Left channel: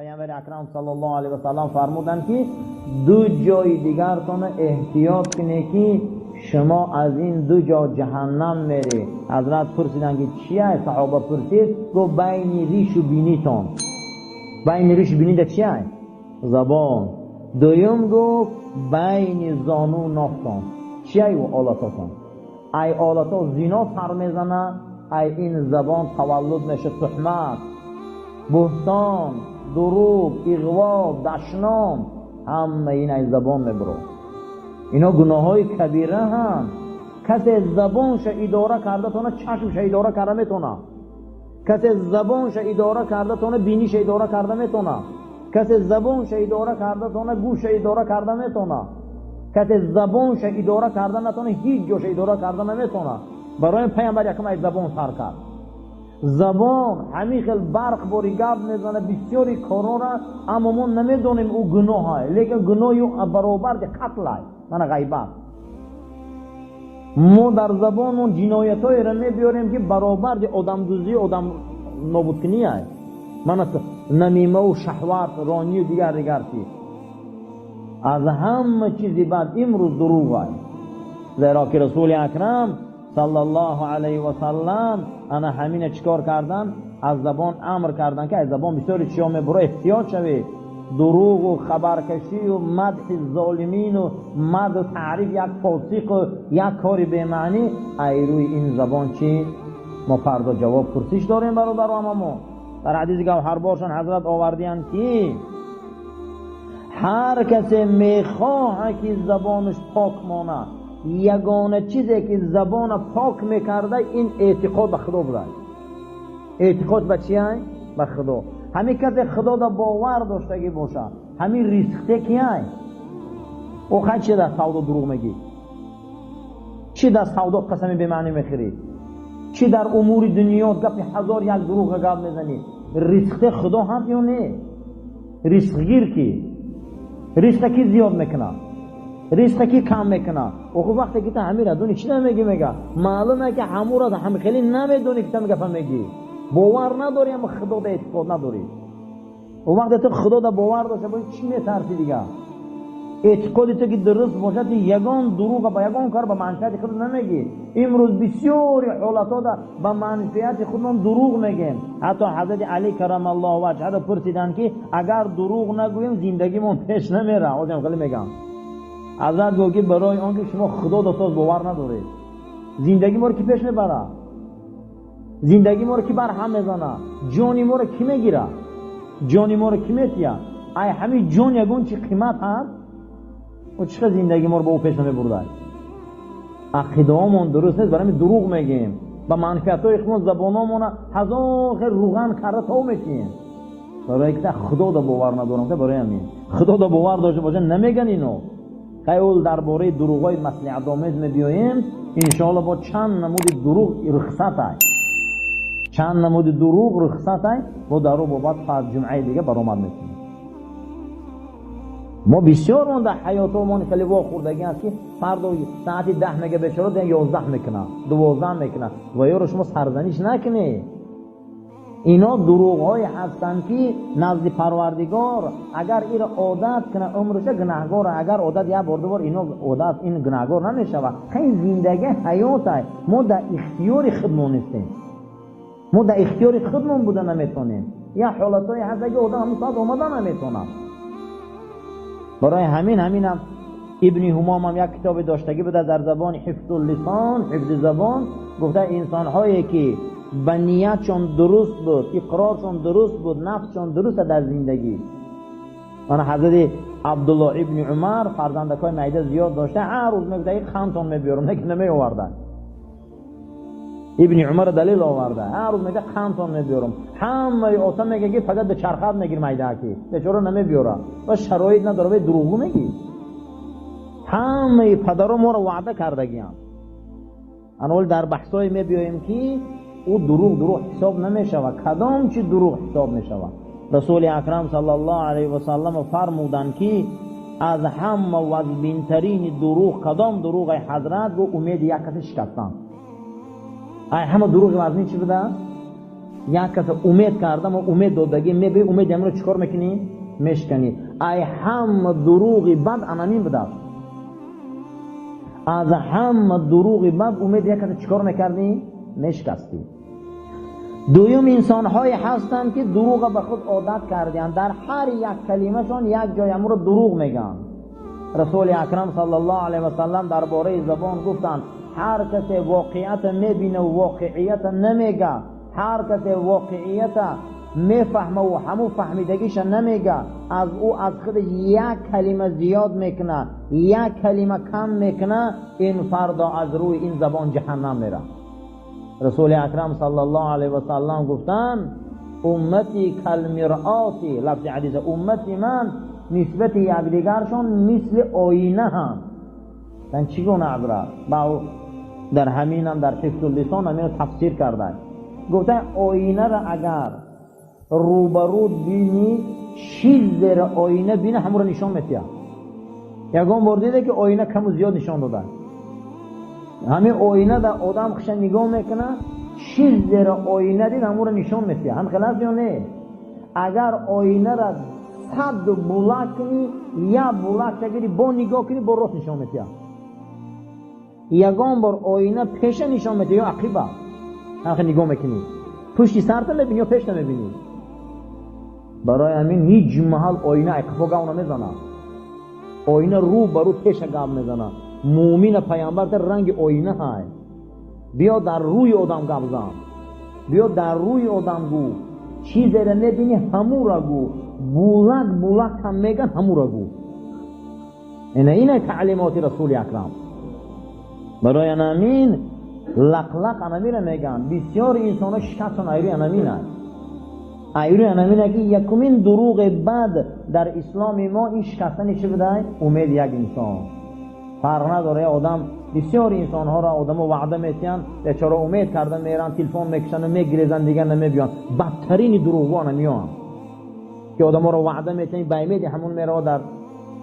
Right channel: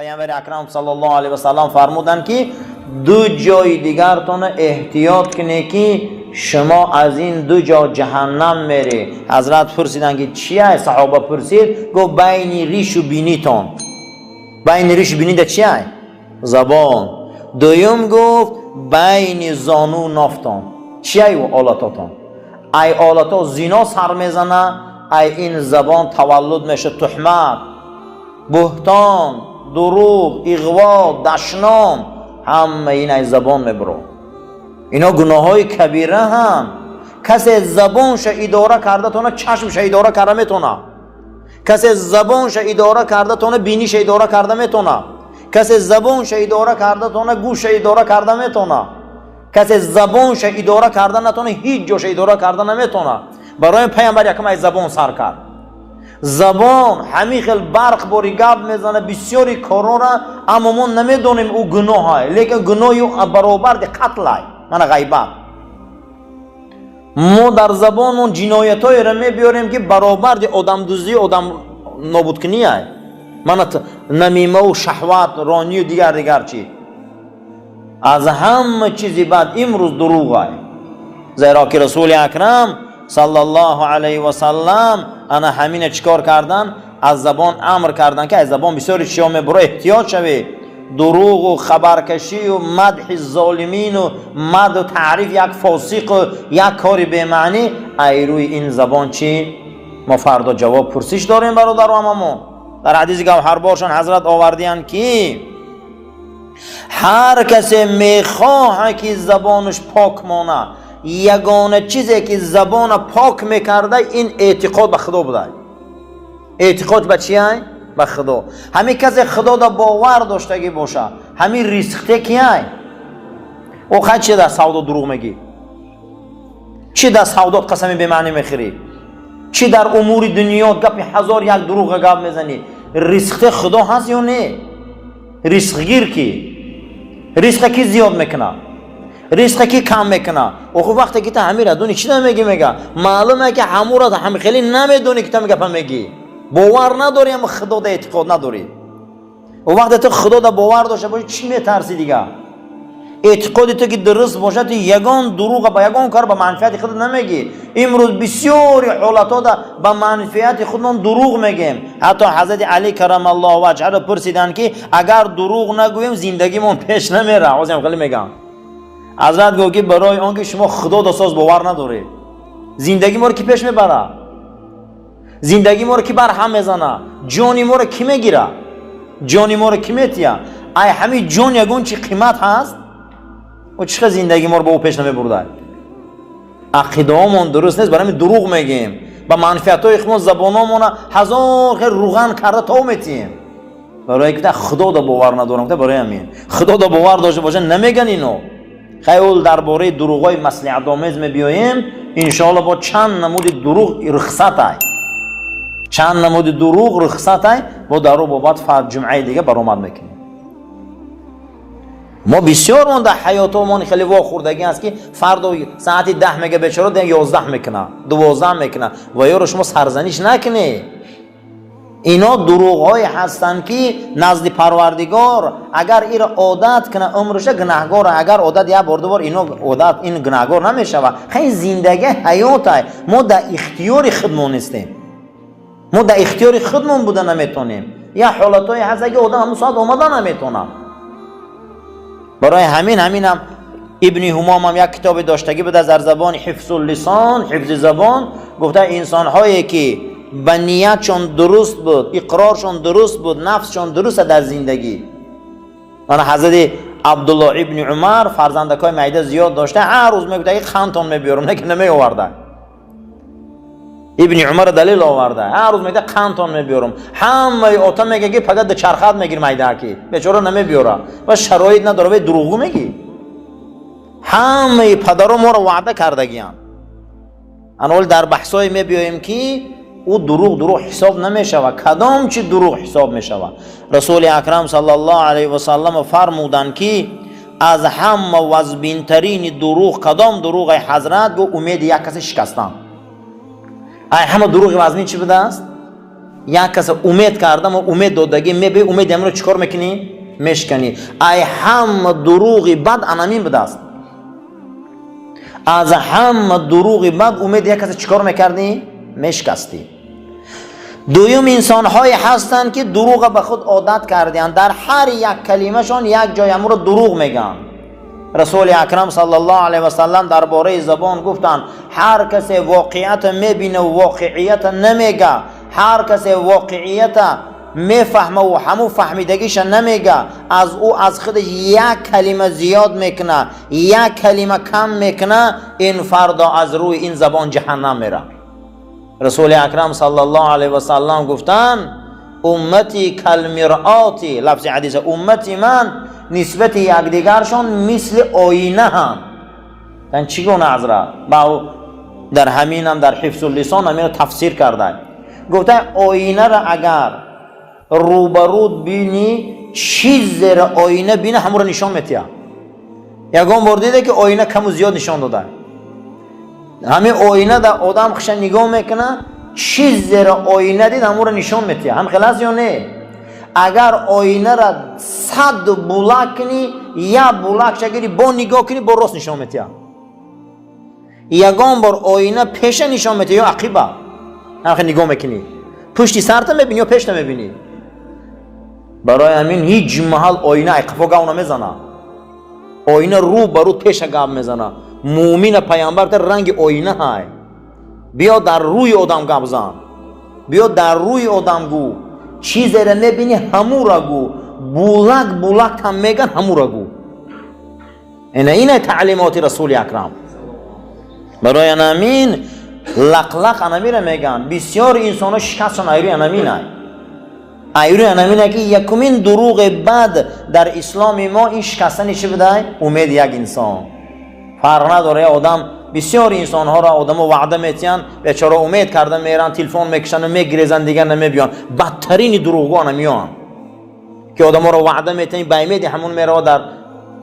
پیامبر اکرم صلی الله علیه و سلم فرمودند که دو جای دیگرتون احتیاط کنید که شما از این دو جا جهنم میری. حضرت پرسیدن که چیه؟ صحابه پرسید، گفت بین ریش و بینیتون. بین ریش و بینی چیه؟ زبان. دویم گفت بین زانو و نافتون. چیه و آلاتاتون؟ ای آلاتا زینا سر میزنه، ای این زبان تولد میشه تهمت، بهتان، دروغ، اغوا، دشنام، همه این ای زبان میبرو. اینا گناه های کبیره هم. کسی زبانش اداره کرده تونه چشمش اداره کرده میتونه. کسی زبانش اداره کرده تونه بینیش اداره کرده میتونه. کسی زبانش اداره کرده تونه گوش اداره کرده میتونه. کسی زبانش اداره کرده نتونه هیچ جوش اداره کرده نمیتونه. برای پیامبر یکم ای زبان سر کرد. زبان همین خیلی برق باری گپ میزنه بسیاری کارا را، اما ما نمیدونیم او گناه های، لیکن گناهی او برابر دی قتل های، من غیبت. ما در زبان اون جنایت های را میبیاریم که برابر دی آدم دوزی، آدم نابود کنی های، من نمیمه و شهوت رانی و دیگر چی. از همه چیزی بعد امروز دروغ های، زیرا که رسول اکرم صلی الله علیه و سلم انا همین چیکار کردن؟ از زبان امر کردن که از زبان بسیاری چیزا میبره احتیاط شوی. دروغ و خبرکشی و مدح ظالمین و مدح و تعریف یک فاسق و یک کاری به معنی، ای روی این زبان چی؟ ما فردا جواب پرسش داریم برادر و ما. در حدیث گوهربارشان حضرت آوردین که هر کسی میخواه که زبانش پاک مانه، یگانه چیزی که زبان پاک میکرده این اعتقاد به خدا بوده. اعتقاد به چیه؟ به خدا. همین کسی خدا دا باور داشتگی باشه، همین ریسخته کیه؟ او خیلی چی در سودا دروغ میگی؟ چی در سودا قسمی به معنی میخوری؟ چی در امور دنیا گپی هزار یک دروغ گپ میزنی؟ ریسخته خدا هست یا نه؟ ریسخ گیر کی؟ ریسخ کی زیاد میکنه؟ ریسک کی کم میکنه؟ او وقتی که تو همین را دونی چی نمیگی؟ میگه معلومه که همون را هم خیلی نمیدونی که تو میگه میگی. باور نداری اما خدا دا اعتقاد نداری. او وقتی تو خدا دا باور داشته باشی چی میترسی دیگه؟ اعتقادی تو که درست باشه تو یگان دروغ با یگان کار به منفعت خود نمیگی. امروز بسیاری حالتا دا به منفعت خودمون دروغ میگیم. حتی حضرت علی کرم الله وجهه را پرسیدن که اگر دروغ نگویم زندگیمون پیش نمیره. آزم خیلی میگم حضرت گفت که برای آنکه شما خدا دستاز باور نداره، زندگی ما رو کی پیش میبره؟ زندگی ما رو کی بر هم میزنه؟ جانی ما رو کی میگیره؟ جانی ما رو کی میتیه؟ ای همین جان یگون چی قیمت هست؟ و چقدر زندگی ما رو با او پیش نمیبرده؟ عقیده هامون درست نیست، برای دروغ میگیم. با منفعت های خودمون زبانمون هزار خیر روغن کرده تا میتیم. برای که خدا دا باور ندارم، برای همین خدا دا باور داشته باشه نمیگن اینو. خیلی درباره دروغای مصلحت آمیز میبیاییم انشاءالله با چند نمود دروغ رخصت های، چند نمود دروغ رخصت های با درو بابت فرد جمعه دیگه برآمد میکنیم. ما بسیار من در حیاتمون خیلی واخوردگی است که فردا ساعتی 10 میگه بیچاره ده 11 میکنه 12 میکنه و یا رو شما سرزنش نکنی. اینا دروغ های هستند که نزد پروردگار اگر این عادت کنه عمرش گناهگار، اگر عادت یا بار دوبار اینو عادت این گناهگار نمیشه. خیلی زندگی حیات های ما در اختیار خودمون نیستیم، ما در اختیار خودمون بوده نمیتونیم. یا حالت های هست اگه آدم همون ساعت آمده نمیتونه. برای همینم ابن همام هم یک کتاب داشتگی بوده در زبان حفظ اللسان، حفظ زبان. گفته انسان هایی که به نیتشون درست بود، اقرارشون درست بود، نفسشون درست در زندگی. من حضرت عبدالله ابن عمر فرزندکای معده زیاد داشته، هر روز میگفت یک خانتون میبیارم، نه که نمی آورده. ابن عمر دلیل آورده، هر روز میگه خانتون میبیارم. همه آتا میگه که فقط چرخات میگیر معده کی، بیچاره نمیبیاره و شرایط نداره. به دروغ میگی. همه پدرم ما رو وعده کردگیان. انول در بحثای میبیایم که او دروغ حساب نمیشه و کدام چی دروغ حساب میشه. رسول اکرم صلی الله علیه و سلم فرمودند که از همه وزبین ترین دروغ کدام دروغ؟ حضرت گفت امید یک کسی شکستن. ای همه دروغ وزنی چی بوده است؟ یک کس امید کردم و امید دادگی میبی امید امرو چیکار میکنی؟ میشکنی. ای هم دروغی بد انامین بدست. از هم دروغی بد امید یک کس چیکار میکردی؟ میشکستی. دویم انسان های هستند که دروغ به خود عادت کردند، در هر یک کلمه شان یک جای امر دروغ میگن. رسول اکرم صلی الله علیه و سلم درباره زبان گفتند هر کسی واقعیت میبینه و واقعیت نمیگه، هر کسی واقعیت میفهمه و همو فهمیدگیش نمیگه، از او از خودش یک کلمه زیاد میکنه، یک کلمه کم میکنه، این فردا از روی این زبان جهنم میره. رسول اکرم صلی الله علیه و سلم گفتن امتی کالمرآتی، لفظ حدیث امتی من نسبت یکدیگرشان مثل آینه هم. یعنی چگونه حضرت؟ با در همین هم در حفظ اللسان همین تفسیر کرده. گفته آینه را اگر روبرود بینی چیز زیر آینه بینه همون را نشان میتیه. یکم بار دیده که آینه کم و زیاد نشان داده. همین آینه در آدم خش نگاه میکنه چیز زیر آینه دید همون را نشان میتیه. هم خلاص یا نه؟ اگر آینه را 100 بولاک کنی یا بولاک شگیری با نگاه کنی با راست نشان میتیه. یکم بار آینه پیش نشان میتیه یا عقیبه هم نگاه میکنی پشتی سرت میبینی یا پیش نمیبینی. برای همین هیچ محل آینه اقفا گاو نمیزنه، آینه رو برو پیش گاو میزنه. مومن پیامبر در رنگ آینه های. بیا در روی آدم گاو زن، بیا در روی آدم گو، چیزی را میبینی همو را گو، بولک بولک هم میگن همو را گو. اینه تعلیمات رسول اکرم. برای همین لق انامی را میگن. بسیار انسان ها شکستشان ایروی انامین های. ایروی انامین که یکمین دروغ بد در اسلام ما این شکستن چی بده؟ امید یک انسان. فرق نداره آدم بسیار انسان ها را آدم وعده میتین بیچاره امید کرده میرن تلفن میکشن و میگریزن دیگر نمیبیان. بدترین دروغگو انامیان که آدم ها را وعده میتین به امید همون میره در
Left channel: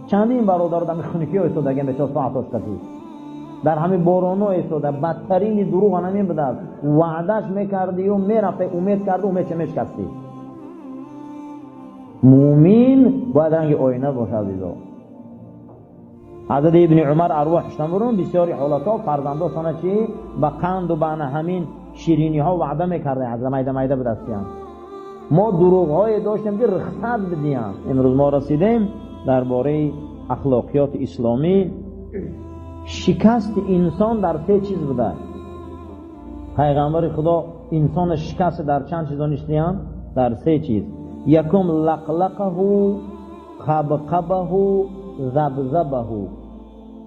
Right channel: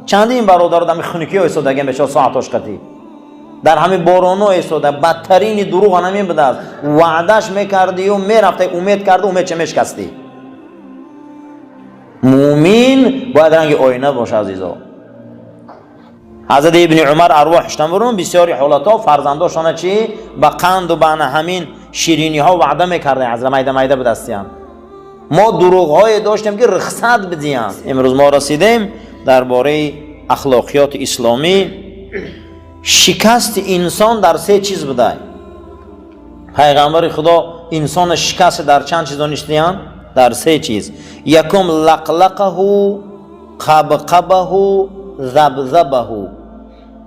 چندین برادر در خونکی ها ایستادگی بیچاره ساعتاش قطعی در همین بارانا ایستاده. بدترین دروغ انامین بده است. وعدهش میکردی و میرفتی امید کرده امید چه میشکستی. مومن باید رنگ آینه باشه عزیزا. حضرت ابن عمر ارواحشتن برون بسیاری حالتا فرزنداشانه چی؟ با قند و بنا همین شیرینی ها وعده میکرده حضرت مایده مایده بدستیان. ما دروغ های داشتیم که رخصت بدیم. امروز ما رسیدیم درباره اخلاقیات اسلامی. شکست انسان در 3 چیز بوده. پیغمبر خدا انسان شکست در چند چیز دانستیان؟ در 3 چیز. یکم لقلقه، قبقبه، ذبذبه.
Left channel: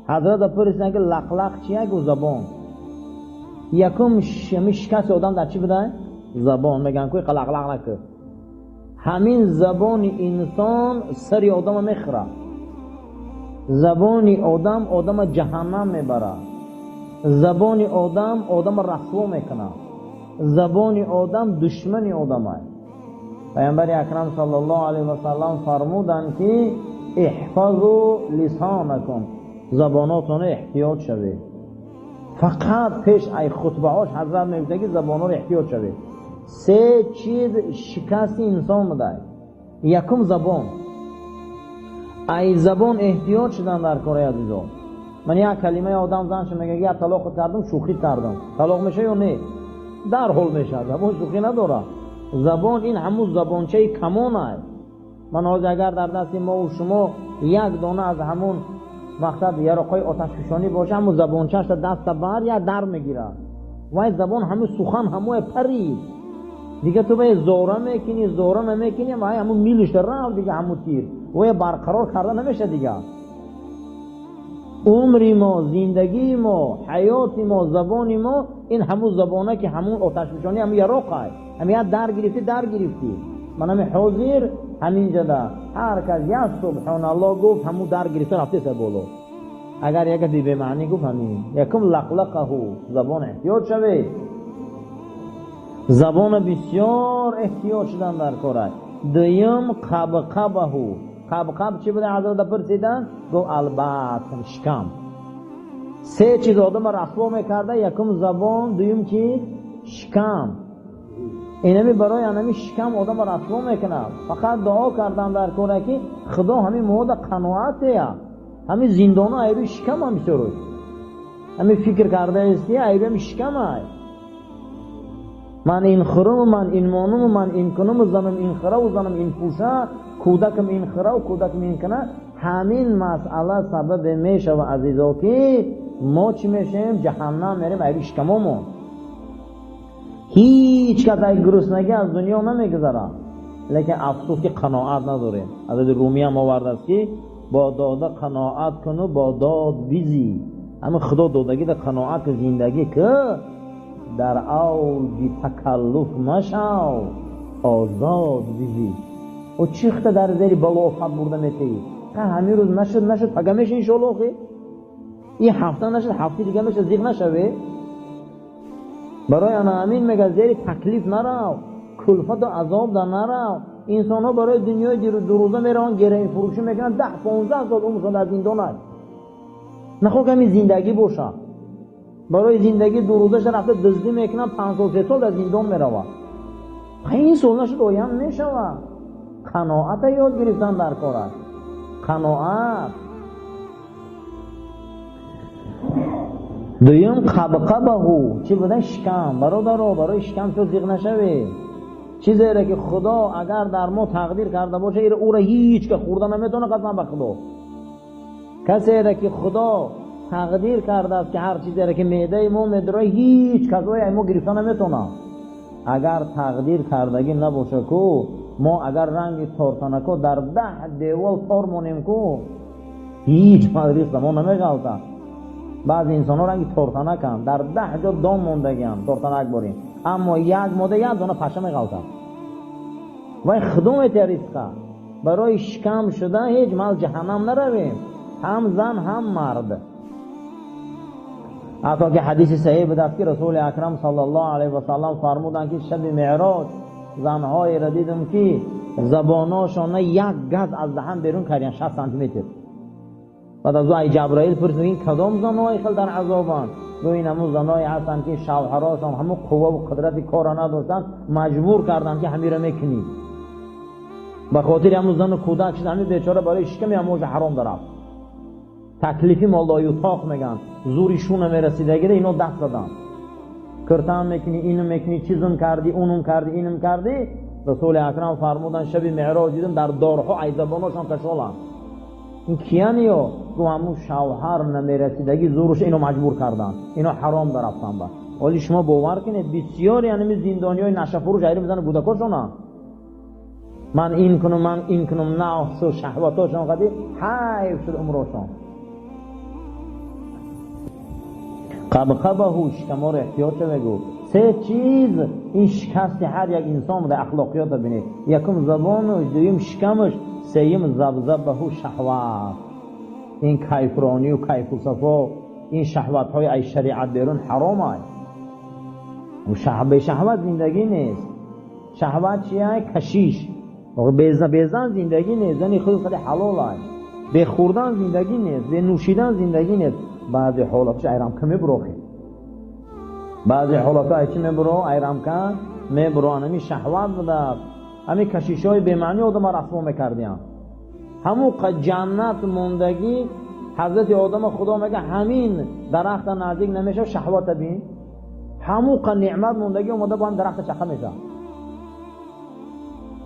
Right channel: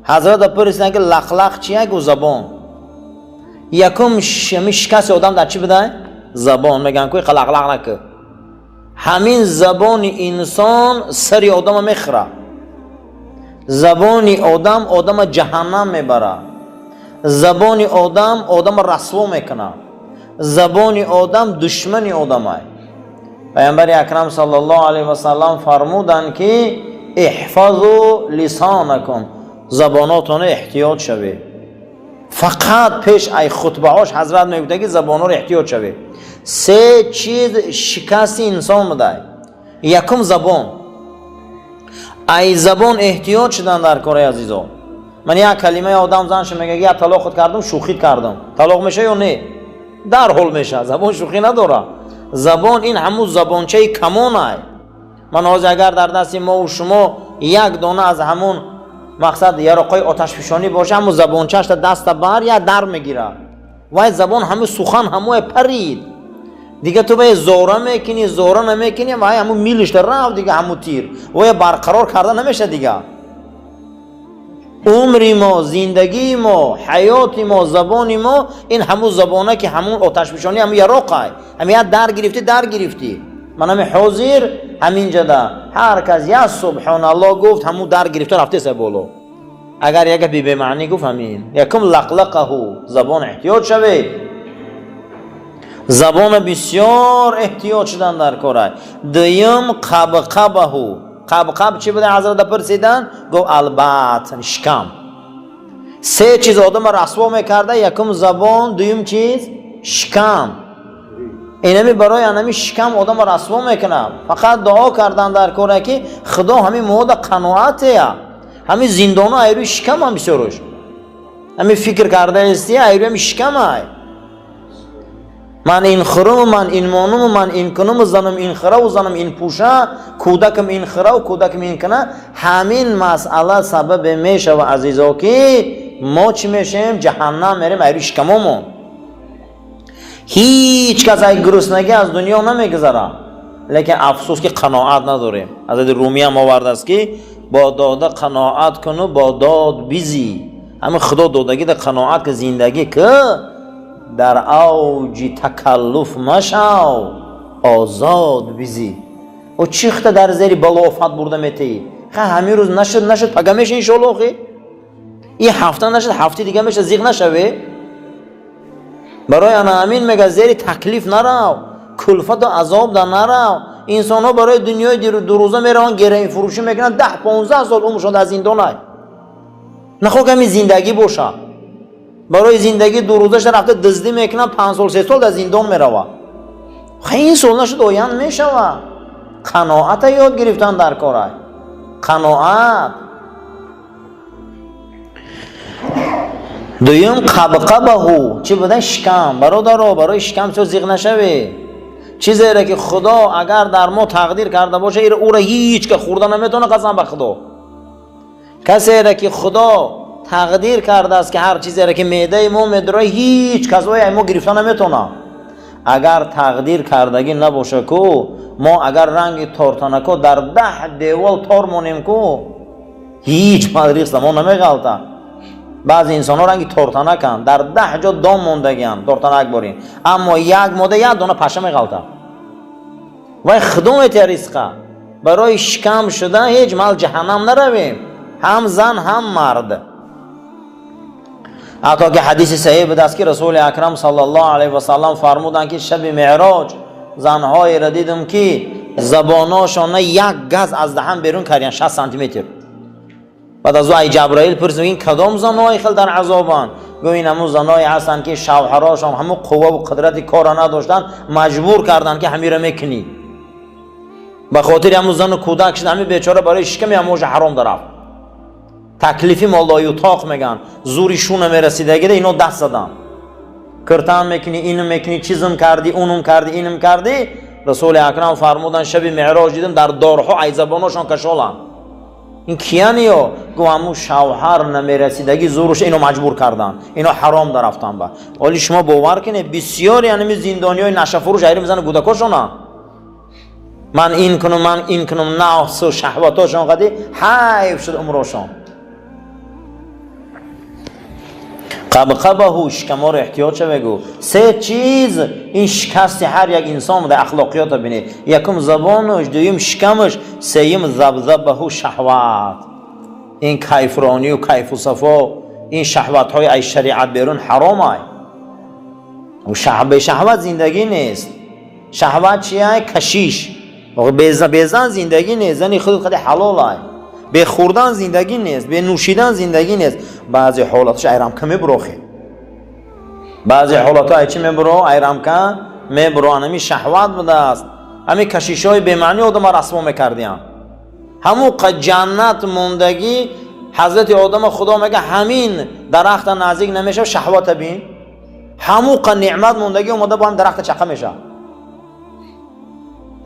حضرت پرسیدن که لقلق چیه؟ گو زبان. یکم شکست آدم در چی بوده؟ زبان. میگن کوی قلقلق نکه. همین زبان انسان سری آدم میخوره. زبان آدم جهنم میبره. زبان آدم رسوا میکنه. زبان آدم دشمن آدمه. پیامبر اکرم صلی الله علیه و سلم فرمودند که احفظوا لسانکم، زباناتون احتیاط شوید. فقط پیش ای خطبه هاش حضرت میگوید که زبانات احتیاط شوید. 3 چیز شکست انسان بده. یکم زبان. ای زبان احتیاط شدن در کار عزیزان. من یک کلمه آدم زنش میگه یا طلاق خود کردم شوخی کردم، طلاق میشه یا نه؟ در حال میشه. زبان شوخی نداره. زبان این همون زبانچه کمانه. من اگر در دست ما و شما یک دانه از همون مقصد یارقای آتش فشانی باشه همون زبانچه‌اش دست بر یا در میگیره. وای زبان همه سخن همه پرید دیگه. تو به زوره میکنی زوره نمیکنی وای همون میلش در رفت دیگه همون تیر وای برقرار کرده نمیشه دیگه. عمری ما، زندگی ما، حیات ما، زبان ما این همون زبانه که همون آتش فشانی همون یارقای همین در گرفتی. من همین حاضر همین جدا هر کس یا سبحان الله گفت همون در گرفته رفته سه بالا. اگر یک بی معنی گفت همین. یکم لقلقه، زبان احتیاط شوید. زبان بسیار احتیاط شدن در کاره. دویم قبقبه. قبقب چی بوده حضرت پرسیدن؟ گفت البته شکم. 3 چیز آدم رسوا میکرده. یکم زبان، دویم چیز شکم. اینمی برای انمی شکم آدم رسوا میکنه. فقط دعا کردن در کاره که خدا همین مود قناعته، همین زندان ها ایروی شکم هم بسیارش، همین فکر کرده استی ایروی هم شکم های. من این خرم، من این مانم، من این کنم، زنم این خره و زنم این پوشه، کودکم این خره و کودکم این کنه. همین مسئله سبب میشه و عزیزا که ما چی میشیم؟ جهنم میریم ایروی شکممون. هیچ کس ای گرسنگی از دنیا نمیگذره، لیکن افسوس که قناعت نداریم. حضرت رومی هم آورده است که با داده قناعت کنو با داد بیزی. همین خدا دادگی در قناعت که زندگی که در اوج تکلف مشو آزاد بیزی. و چیخته در زیر بلافت برده میتی. همین روز نشد پگمش انشالله خی این هفته نشد هفته دیگه میشه زیغ نشوه. برای انا امین میگه زیر تکلیف نرو، کلفت و عذاب در نرو. انسان ها برای دنیای دو روزه میرن گره فروشی میکنن، 10-15 سال عمرشون در زندان های. نخواه کمی زندگی باشه. برای زندگی دو روزه رفته دزدی میکنن، 5 سال 3 سال در زندان میروه. این سال نشد آیند میشوه. قناعت یاد گرفتن در کاره. قناعت. دویم قبقبهو، چی بودن؟ شکم. برادرها برای شکم چو زیغ نشوه. چیزی را که خدا اگر در ما تقدیر کرده باشه او را هیچ که خورده نمیتونه، قسم به خدا. کسی را که خدا تقدیر کرده است که هر چیزی را که معده ما میدره هیچ کسایی ما گرفته نمیتونه. اگر تقدیر کردگی نباشه کو ما اگر رنگ تارتانکو در 10 دیوال تار مونیم کو هیچ مدرس ما نمیغلطه. بعضی انسان ها رنگی تارتانک هم در 10 جا دام موندگی هم تارتانک بارین، اما یک ماده یک دانه پشه میغلطه. و خدمت رزقه برای شکم شده هیچ مال جهنم نرویم، هم زن هم مرد. حتی که حدیث صحیح بود است که رسول اکرم صلی الله علیه و سلم فرمودند که شب معراج زنهای را دیدم که زباناشون یک گز از دهن بیرون کردن، 60 سانتی متر. بعد از او جبرائیل پرسید این کدام زنهای خیلی در عذابن؟ گفت این همون زنهای هستند که شوهراشون همون قوه و قدرت کار نداشتن، مجبور کردن که همین را میکنی. به خاطر همون زن و کودک شد، همین بیچاره برای شکم اموج حرام درفت. تکلیفی مالای اتاق میگن، زوریشون نمیرسیده، اینو دست زدن. کرتان میکنی، اینو میکنی، چیزم کردی، اونم کردی، اینم کردی. رسول اکرم فرمودن شب معراج دیدم در دارها ای زباناشون کشالن. این کیانیو؟ گو همون شوهر نمیرسیدگی زورش اینو مجبور کردن، اینو حرام درفتن. با ولی شما باور کنید بسیاری یعنی زندانیای نشه فروش ایران میزنه گودکاشونا. من این کنم نفس و شهواتاشون قدی حیف شد عمرشون. قبقبه شکما رو احتیاط چه بگو. 3 چیز این شکست هر یک انسان در اخلاقیات بینه. یکم زبانش، دویم شکمش، سوم ذبذبه شهوات. این کیفرانی و کیف و صفا، این شهوات های ای شریعت بیرون حرام های. و شهوت زندگی نیست. شهوت چیه؟ کشیش. بیزن زندگی نیست. زنی خود حلال های. به خوردن زندگی نیست، به نوشیدن زندگی نیست. بعضی حالاتش ایرام که میبروخی، بعضی حالاتها چی میبرو؟ ایرام که میبرو. همی شهوت بوده است، همی کشیشای بیمعنی آدم رسوا میکردیم. همون جنت موندگی حضرت آدم خدا میگه همین درخت نزدیک نمیشه شهوت بین. همون نعمت موندگی اومده با هم درخت چقه میشه.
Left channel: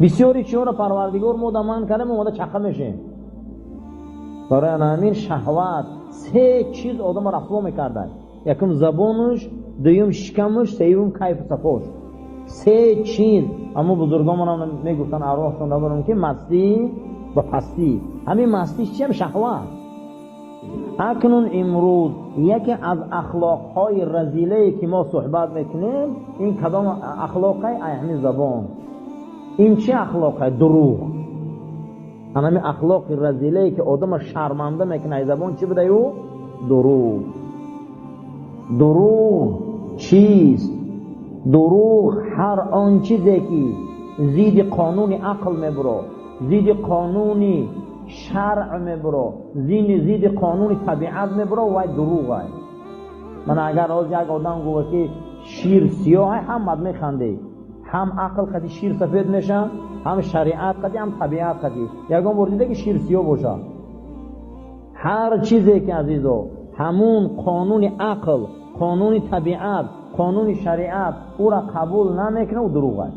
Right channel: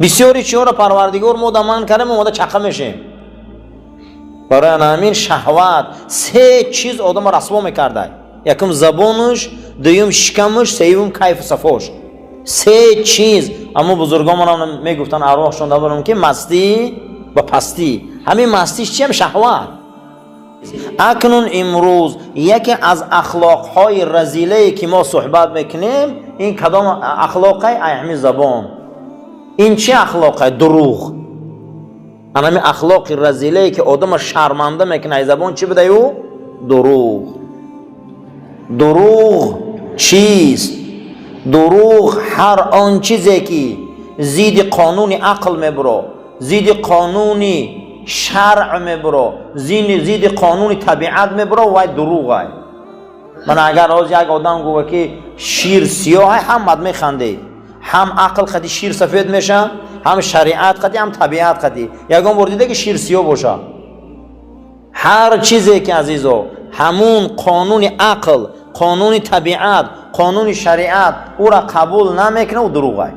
بسیاری چیو را پروردگار ما دمان کردیم اومده چقه میشیم. برای همین شهوت 3 چیز آدم رسوا میکرده. یکم زبانش، دویم شکمش، سوم کیف صفاش. 3 چیز. اما بزرگان هم میگفتن ارواحشون دارن که مستی و پستی. همین مستیش چیه؟ شهوت. اکنون امروز یکی از اخلاقهای رذیله که ما صحبت میکنیم این کدام اخلاقه؟ همین زبان. این چه اخلاقه؟ دروغ. همین اخلاق رذیله که آدم شرمنده میکنه ای زبان چی بده او؟ دروغ. دروغ چیست؟ دروغ هر آن چیزی که زید قانون عقل میبرو، زید قانون شرع میبرو، زید قانون طبیعت میبرو و دروغ های. من اگر از یک آدم گوه که شیر سیاه هم مد میخنده، هم عقل قدی شیر سفید میشه، هم شریعت قدی، هم طبیعت قدی. یگان بار دیده که شیر سیاه باشه. هر چیزی که عزیزو همون قانون عقل، قانون طبیعت، قانون شریعت او را قبول نمیکنه و دروغه.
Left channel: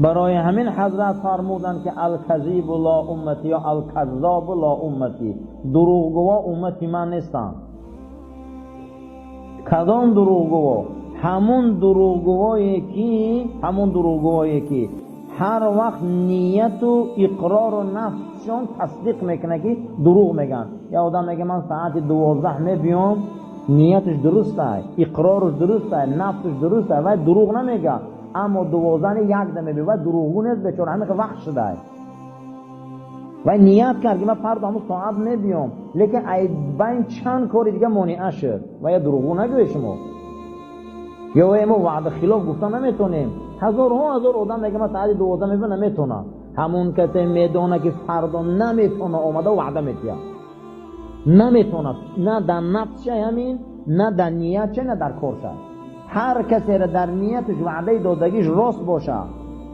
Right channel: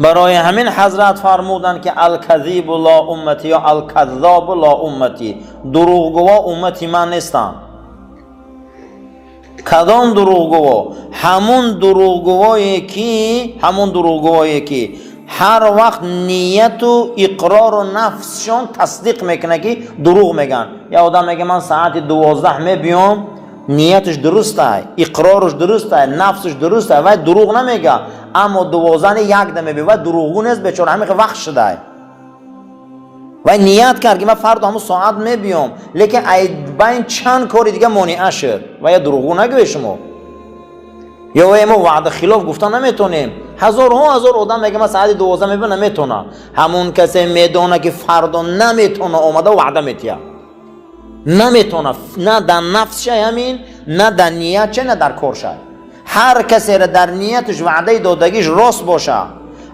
برای همین حضرت فرمودن که الکذیب لا امتی یا الکذاب لا امتی، دروغگو امتی من نیستن. کدام دروغگو؟ همون دروغگویی که هر وقت نیت و اقرار و نفسشون تصدیق میکنه که دروغ میگن. یا آدم میگه من ساعت 12 میبیام، نیتش درسته، اقرارش درسته، نفسش درسته و دروغ نمیگه، اما 12 یک دم میبیه و دروغگو نیست، بیچاره همین وقت شده و نیت کرد که من فردا همون ساعت میبیام، لیکن بین چند کاری دیگه مانع شد و یا دروغگو نگوی شما. یا ما وعده خلاف گفتن نمیتونیم. هزار آدم میگه من ساعت 12 میبینم نمیتونه. همون کسی میدونه که فردا نمیتونه اومده وعده میتیه، نمیتونه، نه در نفسش همین، نه در نیتش، نه در کارش. هر کسی را در نیتش وعده دادگیش راست باشه،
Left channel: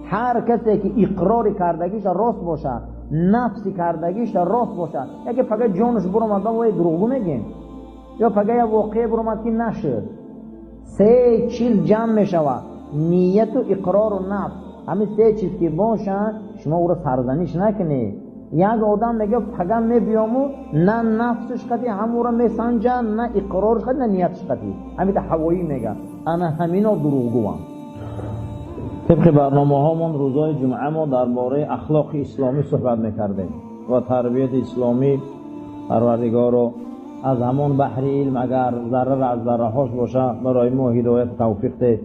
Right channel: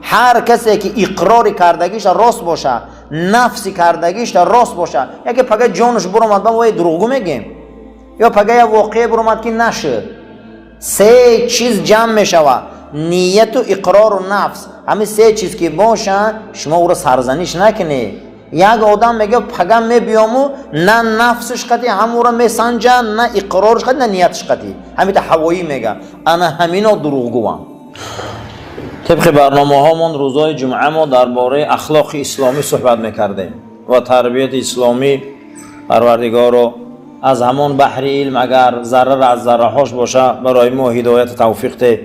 هر کسی که اقرار کردگیش راست باشه، نفسی کردگیش راست باشه، یکی پگه جانش برآمد با دروغگو میگیم، یا پگه یا واقعی برآمد که نشد. سه چیز جمع میشوه، نیت و اقرار و نفس. همین سه چیز که باشه شما او را سرزنش نکنی. یک آدم میگه پگم میبیامو، نه نفسش قطعی همون را میسنجه، نه اقرارش قطعی، نه نیتش قطعی. همین تا هوایی میگه انا همینا دروغگوام. طبق برنامه هامون روزای جمعه ما درباره اخلاق اسلامی صحبت میکردیم و تربیت اسلامی. پروردگار رو از همون بحر علم اگر ذره از ذره هاش باشه برای ما هدایت توفیق ده.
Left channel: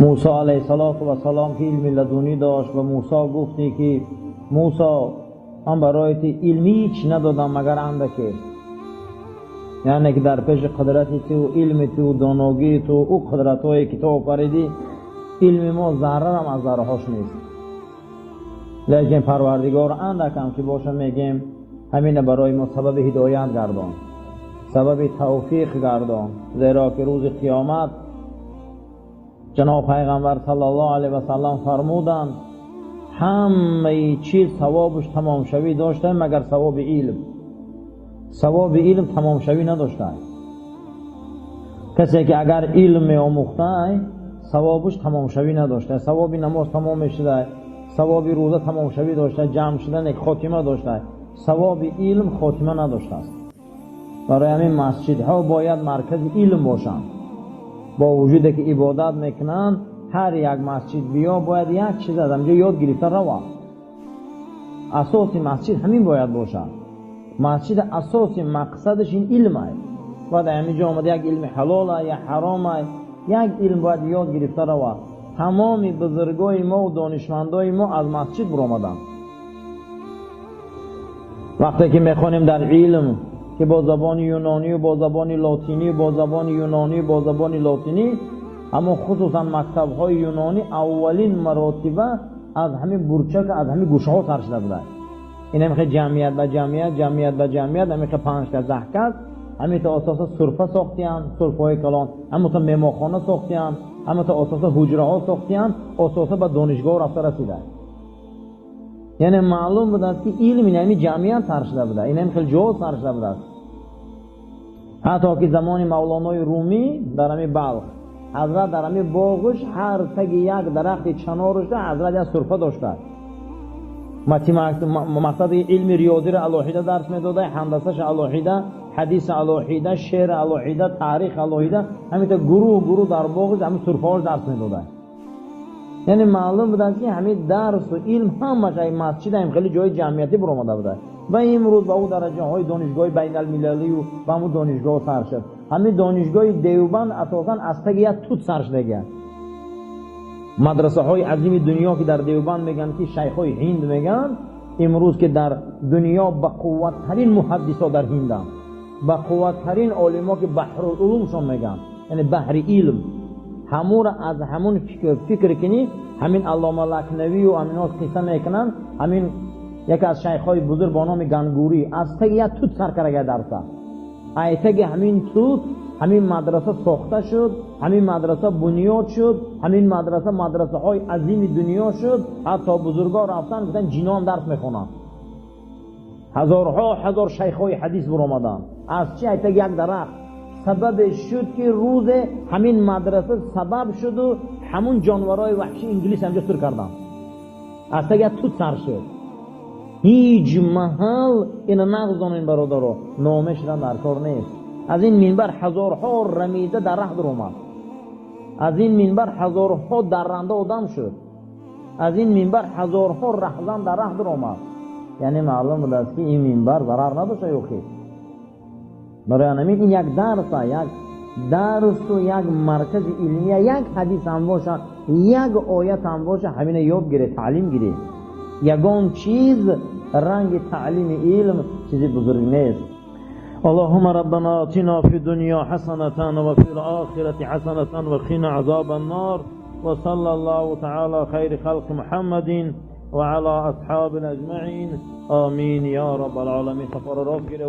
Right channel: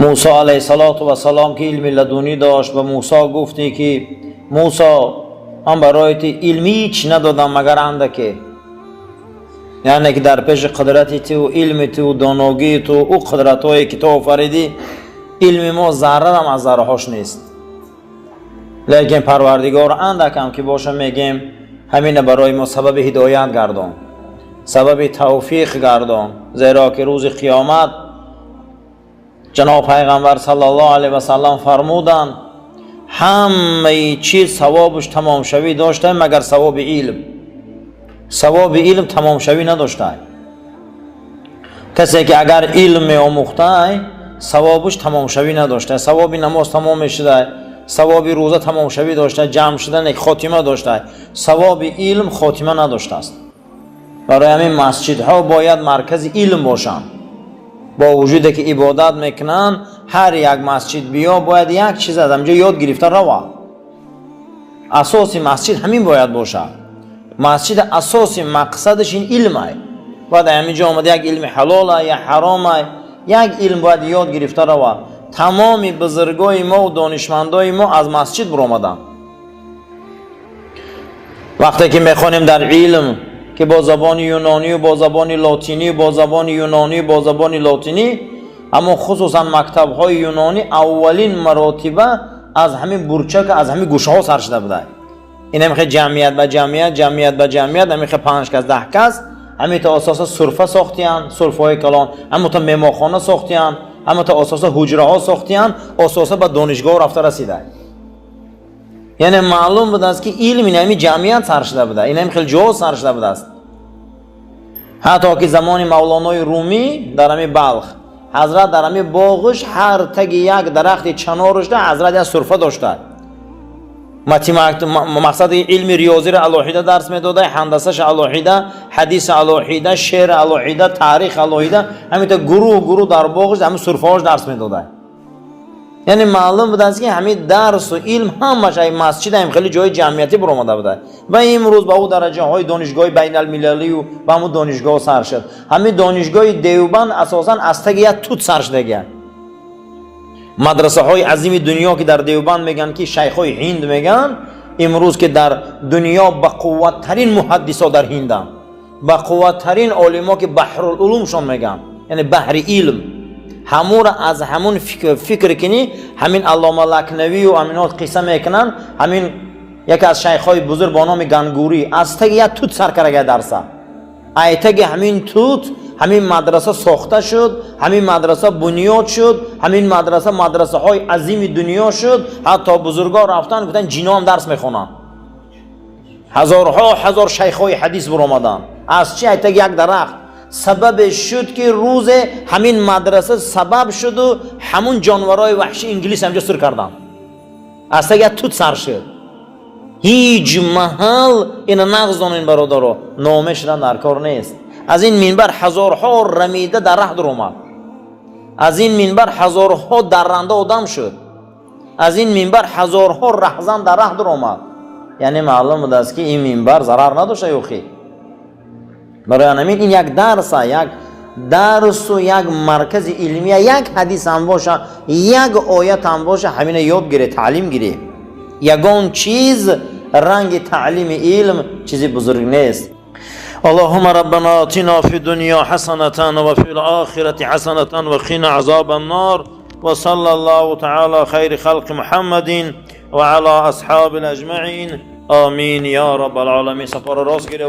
موسی علیه السلام که علم لدونی داشت و موسی گفتی که موسی من برایت علمی هیچ ندادم مگر اندکی، یعنی که در پیش قدرت تو و علم تو و دانایی تو و قدرت هایی که تو آفریدی علم ما ذره هم از ذره هاش نیست. لیکن پروردگار اندکم که باشه میگیم همین برای ما سبب هدایت گردان، سبب توفیق گردان، زیرا که روز قیامت جناب پیغمبر صلی الله علیه و سلم فرمودند همه چیز ثوابش تمام شوی داشته مگر ثواب علم. ثواب علم تمام شوی نداشته. کسی که اگر علم آموخته ثوابش تمام شوی نداشته، ثواب نماز تمام شده، ثواب روزه تمام شوی داشته، جمع شدن یک خاتمه داشته، ثواب علم خاتمه نداشته است. برای همین مسجدها باید مرکز علم باشند. با وجودی که عبادت میکنن هر یک مسجد بیا باید یک چیز از همجا یاد گرفته روا. اساسی مسجد همین باید باشه. مسجد اساسی مقصدش این علمه. باید همینجا آمده یک علم حلاله یا حرامه، یک علم باید یاد گرفته روا. تمام بزرگای ما و دانشمندای ما از مسجد برآمدن. وقتی که میخوانیم در علم که با زبان یونانی و با زبان لاتینی و با زبان یونانی و با زبان لاتینی، اما خصوصا مکتب های یونانی اولین مراتبه از همین برچک از همین گوشه ها سر شده بوده. این همیخه جمعیت به جمعیت همیخه 5 کس 10 کس همین تا اساس صرفه ساختیان، صرفه های کلان، همین تا میماخانه ساختیان، همین تا اساس حجره ها ساختیان، اساس به دانشگاه رفته رسیده. یعنی معلوم بود است که علم این همین جمعیت سر شده بوده، این همین خیلی جا سر شده بوده است. حتی که زمان مولانای رومی در همین بلخ حضرت در همین باغش هر تگ یک درخت چنارش ده حضرت از صرفه داشته. مقصد علم ریاضی را الوحیده درس میداده، هندسه‌ش الوحیده، حدیث الوحیده، شعر الوحیده، تاریخ الوحیده، همین تا گروه در باغش همین صرفه‌اش درس میداده. یعنی معلوم بود است که همین درس و علم همش این مسجد هم خیلی جای جمعیتی برآمده بوده و امروز با او درجه های دانشگاه بین المللی و با همون دانشگاه سر شد. همین دانشگاه دیوبند اساسا از تگ یک توت سر شده. مدرسه های عظیم دنیا که در دیوبند میگن که شیخ های هند میگن امروز که در دنیا با قوت ترین محدثا در هندن، با قوت ترین علما که بحر العلوم شون میگن، یعنی بحر علم، همون از همون فکر کنی همین علامه لکنوی و امینات قصه میکنن. همین یکی از شیخ های بزرگ با نام گنگوری از تگ یک توت سر کرده درسه. ایتگی همین توت همین مدرسه ساخته شد، همین مدرسه بنیاد شد، همین مدرسه های عظیم دنیا شد. حتی بزرگا رفتن گفتن جینا هم درس میخونن، هزار شیخ های حدیث بر آمدن. از چی؟ ایتگی یک درخت سبب شد که روز همین مدرسه سبب شد و همون جانورای وحشی انگلیس همجا سر کردن. از تگه توت سر شد. هیچ محل این نغزانین برادرها، نامش را در کار نیست. از این منبر هزارها رمیده درخت در اومد، از این منبر هزارها درنده آدم شد، از این منبر هزارها رهزن درخت در اومد. یعنی معلوم بود است که این منبر ضرر نداشته یوخی. برای همین این یک درس و یک مرکز علمی، یک حدیث هم باشه، یک آیت هم باشه، همین یاد گیره، تعلیم گیره. یگان چیز رنگ تعلیم علم چیزی بزرگ نیست. اللهم ربنا آتنا في الدنيا حسنة وفي الآخرة حسنة وقنا عذاب النار وصلى الله تعالى خير خلق محمد وعلى أصحاب الأجمعين آمين يا رب العالمين. سفر راس گیره.